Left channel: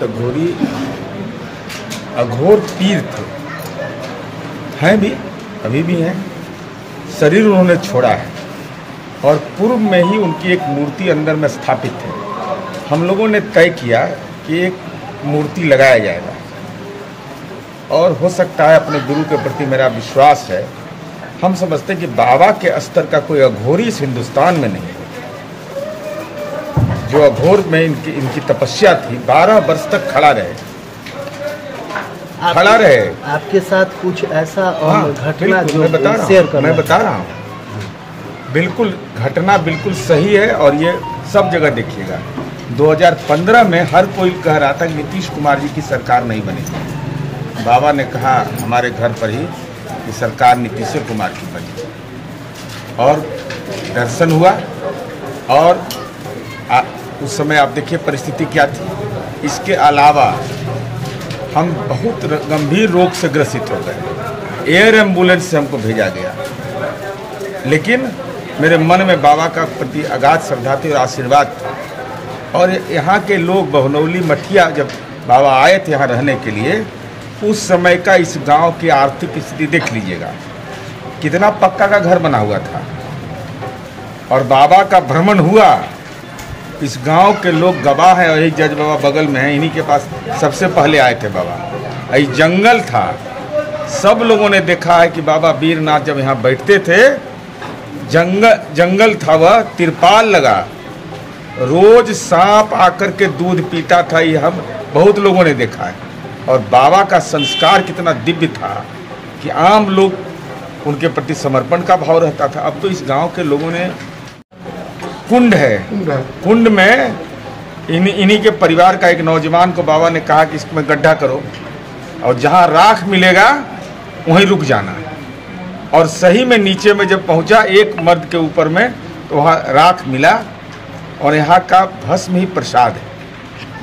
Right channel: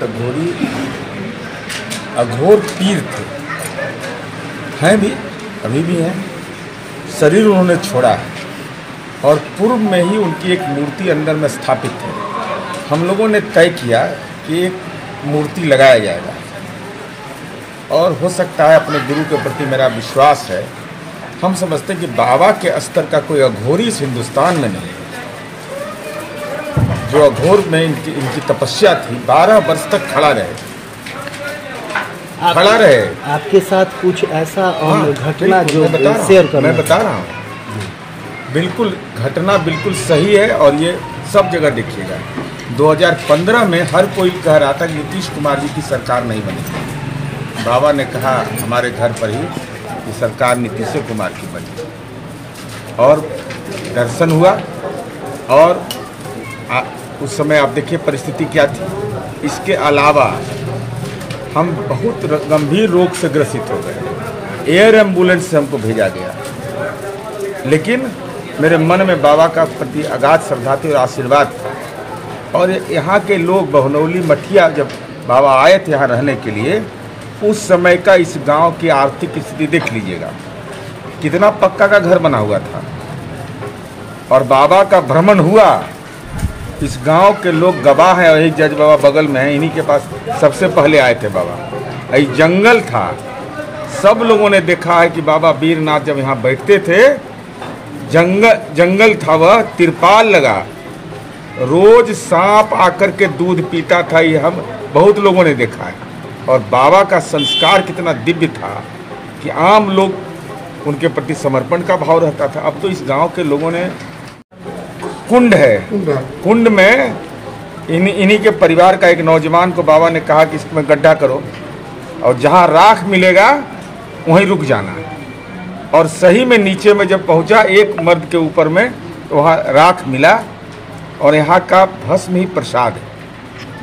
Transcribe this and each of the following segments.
तघोरी अघोर पीर थे, हैं भी, अभी भी हैं। शरीर उन्होंने छोड़ा है और पूर्व में ही उनकी एक मूर्ति अंदर में स्थापित है। हम लोगों ने तय किया कि एक मूर्ति लगाया जाएगा और हो सकता है, अपने गुरु के प्रति मेरा विश्वास है, हम समझते हैं कि बाबा के स्तर का कोई अघोरी इस हिंदुस्तान में नहीं है। जो अघोर में इनकी तपस्या थी, 12 वर्ष तक खड़ा रहे। आपके साथ कुछ ऐसा घटना जो मैं बता रहा हूँ, बिल्कुल घटना बिल्कुल सही है और ये सब जगह देखिएगा। 2015 में हर कोई कह रहा था कि नीतीश कुमार जी की सरकार नहीं बनेगी। बाबा ने कहा हमारे घर पर ही कि सरकार नीतीश कुमार की बनी और दर्शन हुआ। और उस समय आप देखिए परिस्थिति क्या थी। इसके अलावा हम बहुत गंभीर रोग से ग्रसित हो गए। एयर एम्बुलेंस से हमको भेजा गया, लेकिन मेरे मन में बाबा का प्रति अगाध श्रद्धा थी और आशीर्वाद था। और यहाँ के लोग बहनौली मठिया जब बाबा आए थे यहाँ रहने के लिए, उस समय का इस गांव की आर्थिक स्थिति देख लीजिएगा, कितना पक्का का घर बना हुआ था। और बाबा का भ्रमण हुआ, इस गांव के लोग गवाह हैं और एक जज बाबा बगल में हैं, इन्हीं के पास सबसे पहले आए थे बाबा। ये जंगल था, सब लोगों ने देखा है कि बाबा वीरनाथ जब यहाँ बैठते थे, जंगल था, वह तिरपाल लगा, रोज सांप आकर के दूध पीता था। ये हम बहुत लोगों ने देखा है। और बाबा का संस्कार कितना दिव्य था कि आम लोग उनके प्रति समर्पण का भाव रहता था। अब तो इस गांव के लोगों ने कुंड है, कुंड में इन्हीं के परिवार का एक नौजवान को बाबा ने कहा कि इसमें गड्ढा करो और जहां राख मिलेगा वहीं रुक जाना। और सही में नीचे में जब पहुंचा एक मर्द के ऊपर में, तो वहां राख मिला और यहाँ का भस्म ही प्रसाद है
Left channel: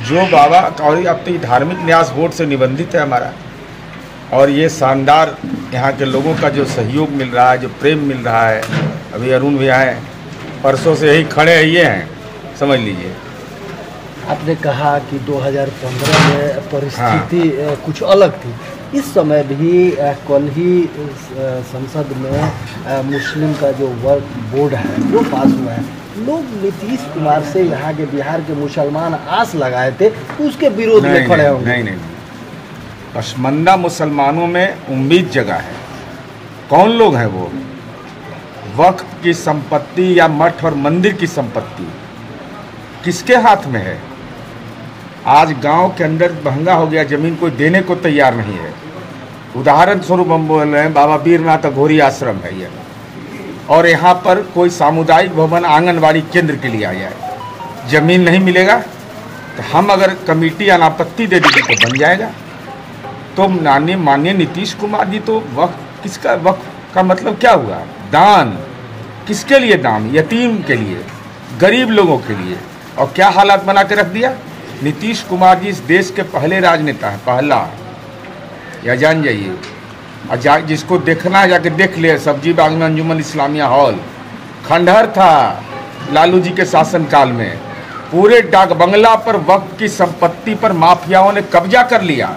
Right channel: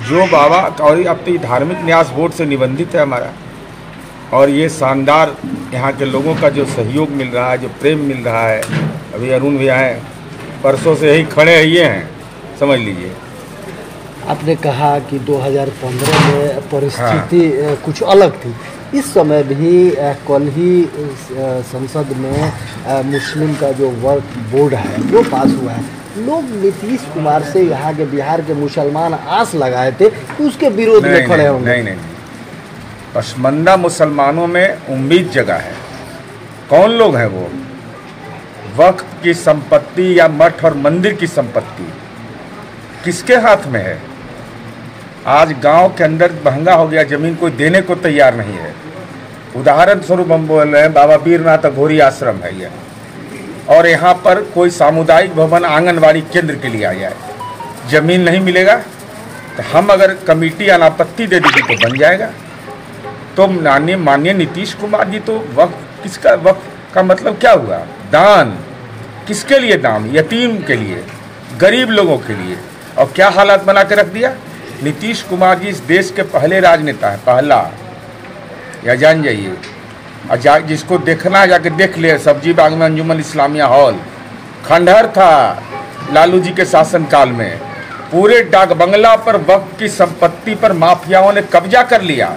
जो बाबा। और अब तो धार्मिक न्यास बोर्ड से निबंधित है हमारा। और ये शानदार यहाँ के लोगों का जो सहयोग मिल रहा है, जो प्रेम मिल रहा है। अभी अरुण भैया हैं, परसों से यही खड़े हैं, ये हैं, समझ लीजिए। आपने कहा कि 2015 में परिस्थिति कुछ अलग थी। इस समय भी कल ही संसद में मुस्लिम का जो वक्फ बोर्ड है वो पास हुआ है। लोग नीतीश कुमार से यहाँ के बिहार के मुसलमान आस लगाए थे तो उसके विरोध में खड़े होंगे। नहीं, पसमंदा मुसलमानों में उम्मीद जगह है। कौन लोग हैं वो? वक्फ की संपत्ति या मठ और मंदिर की संपत्ति किसके हाथ में है? आज गांव के अंदर महंगा हो गया, जमीन कोई देने को तैयार नहीं है। उदाहरण स्वरूप हम बोल रहे हैं, बाबा वीरनाथ अघोरी आश्रम है ये, और यहाँ पर कोई सामुदायिक भवन आंगनवाड़ी केंद्र के लिए आ जाए, जमीन नहीं मिलेगा तो हम अगर कमेटी अनापत्ति दे देगी तो बन जाएगा। तो माननीय नीतीश कुमार जी तो वक्फ, किसका वक्फ का मतलब क्या हुआ? दान। किसके लिए दान? यतीम के लिए, गरीब लोगों के लिए। और क्या हालात बना के रख दिया। नीतीश कुमार जी इस देश के पहले राजनेता है, पहला, या जान जाइए। और जिसको देखना है जाके देख ले, सब्जी बाग में अंजुमन इस्लामिया हॉल खंडहर था लालू जी के शासनकाल में। पूरे डाक बंगला पर वक्फ की संपत्ति पर माफियाओं ने कब्जा कर लिया,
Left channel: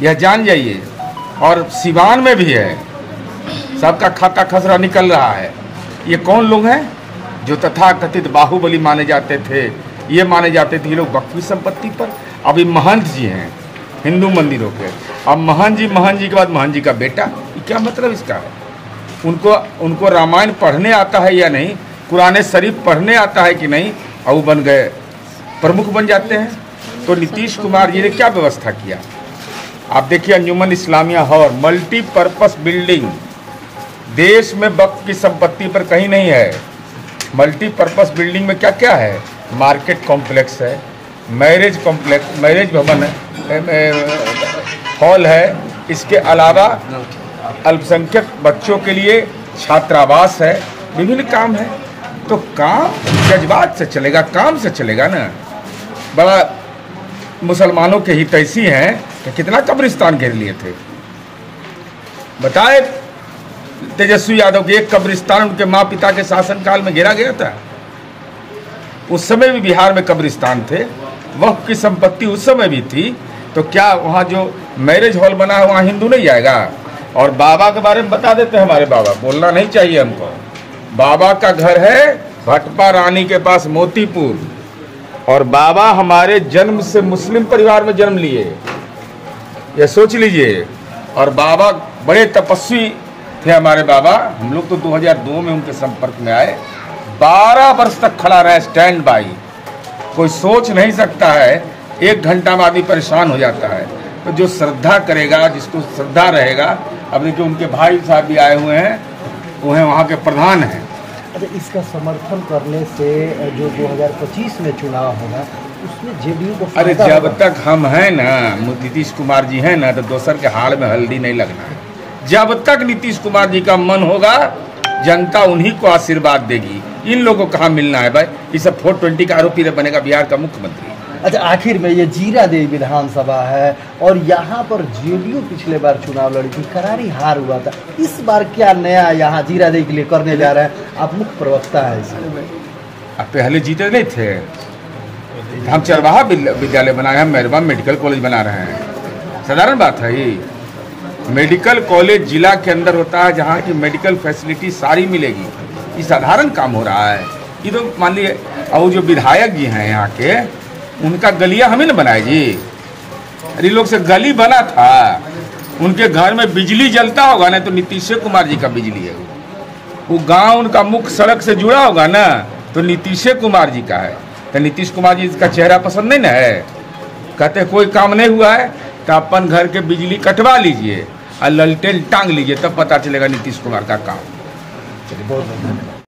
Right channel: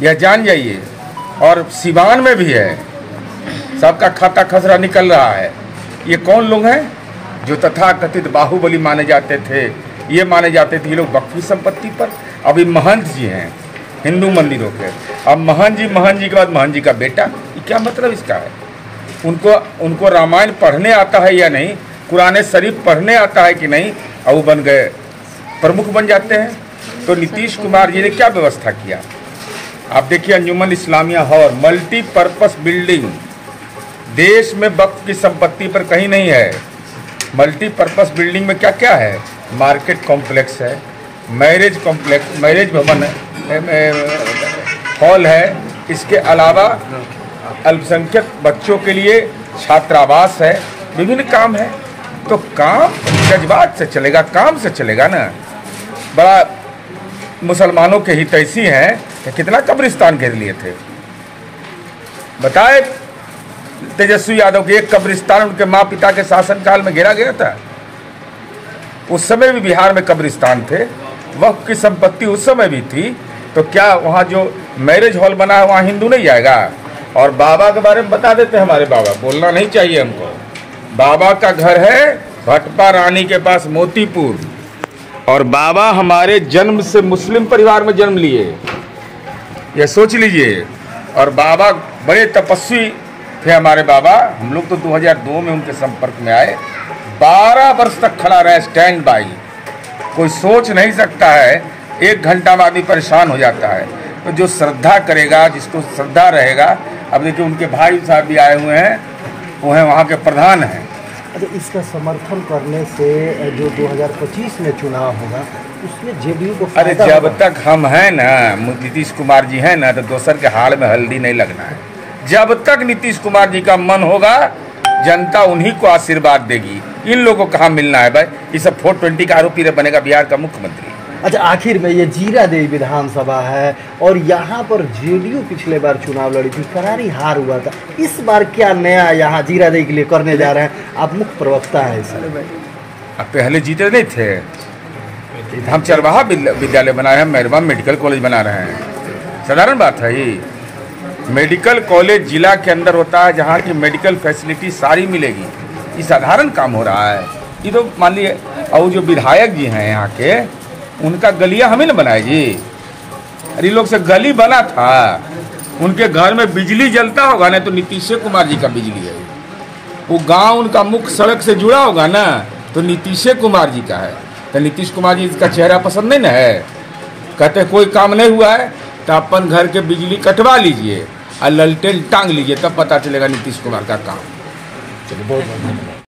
यह जान जाइए। और सिवान में भी है, सबका खाता खसरा निकल रहा है। ये कौन लोग हैं जो तथाकथित बाहुबली माने जाते थे? ये माने जाते थे ये लोग वक्फ की संपत्ति पर। अभी महंत जी हैं हिंदू मंदिरों के, अब महंत जी के बाद महंत जी का बेटा, ये क्या मतलब इसका है? उनको रामायण पढ़ने आता है या नहीं, कुरान शरीफ पढ़ने आता है कि नहीं, और वो बन गए प्रमुख बन जाते हैं। तो नीतीश कुमार जी ने क्या व्यवस्था किया आप देखिए। अंजुमन इस्लामिया हॉल मल्टीपर्पस बिल्डिंग देश में वक्फ की संपत्ति पर कहीं नहीं है। मल्टीपर्पस बिल्डिंग में क्या क्या है? मार्केट कॉम्प्लेक्स है, मैरिज कॉम्प्लेक्स, मैरिज भवन है, हॉल है। इसके अलावा अल्पसंख्यक बच्चों के लिए छात्रावास है, विभिन्न काम है। तो काम जज्बात से चलेगा, काम से चलेगा ना। बड़ा मुसलमानों के हितैषी हैं कि कितना कब्रिस्तान घेर लिए थे। बताए तेजस्वी यादव के एक कब्रिस्तान उनके माँ पिता के शासनकाल में घेरा गया था। उस समय भी बिहार में कब्रिस्तान थे, वक्फ की संपत्ति उस समय भी थी, तो क्या वहाँ जो मैरिज हॉल बना है वहाँ हिंदू नहीं जाएगा? और बाबा के बारे में बता देते हैं, हमारे बाबा, बोलना नहीं चाहिए हमको। बाबा का घर है भटपा रानी के पास मोतीपुर, और बाबा हमारे जन्म से मुस्लिम परिवार में जन्म लिए, ये सोच लीजिए। और बाबा बड़े तपस्वी थे हमारे बाबा। हम लोग तो 2002 में उनके संपर्क में आए, 12 वर्ष तक खड़ा रहे स्टैंड बाई। कोई सोच नहीं सकता है, 1 घंटा में आदमी परेशान हो जाता है। तो जो श्रद्धा करेगा, जिसको श्रद्धा रहेगा, अब देखिए उनके भाई साहब भी आए हुए हैं, वो हैं वहाँ के प्रधान हैं। अच्छा, इसका समर्थन करने से जो 2025 में चुनाव होगा उसमें जेडीयू को अरे जब तक हम हैं ना, नीतीश कुमार जी हैं ना, तो दोसर के हाल में हल्दी नहीं लगना है। जब तक नीतीश कुमार जी का मन होगा, जनता उन्हीं को आशीर्वाद देगी। इन लोगों को कहाँ मिलना है भाई? ये सब 420 का आरोपी बनेगा बिहार का मुख्यमंत्री। अच्छा, आखिर में ये जीरादेई विधानसभा है और यहाँ पर जेडीयू पिछले बार चुनाव लड़ी थी, करारी हार हुआ था। इस बार क्या नया यहाँ जीरादेई के लिए करने जा रहे हैं? आप मुख्य प्रवक्ता है इसमें। अब पहले जीते नहीं थे, हम चरवाहा विद्यालय बनाए हैं, मेहरबान मेडिकल कॉलेज बना रहे हैं। साधारण बात है ये। मेडिकल कॉलेज जिला के अंदर होता है, जहाँ की मेडिकल फैसिलिटी सारी मिलेगी। ये साधारण काम हो रहा है। ये तो मान लीजिए, और जो विधायक जी हैं यहाँ के, उनका गलिया हमें न बनाए जी। अरे लोग से गली बना था, उनके घर में बिजली जलता होगा ना, तो नीतीश कुमार जी का बिजली है। वो गांव उनका मुख्य सड़क से जुड़ा होगा ना, तो नीतीश कुमार जी का है। तो नीतीश कुमार जी का चेहरा पसंद नहीं ना है? कहते कोई काम नहीं हुआ है तो अपन घर के बिजली कटवा लीजिए और ललटेन टांग लीजिए, तब पता चलेगा नीतीश कुमार का काम।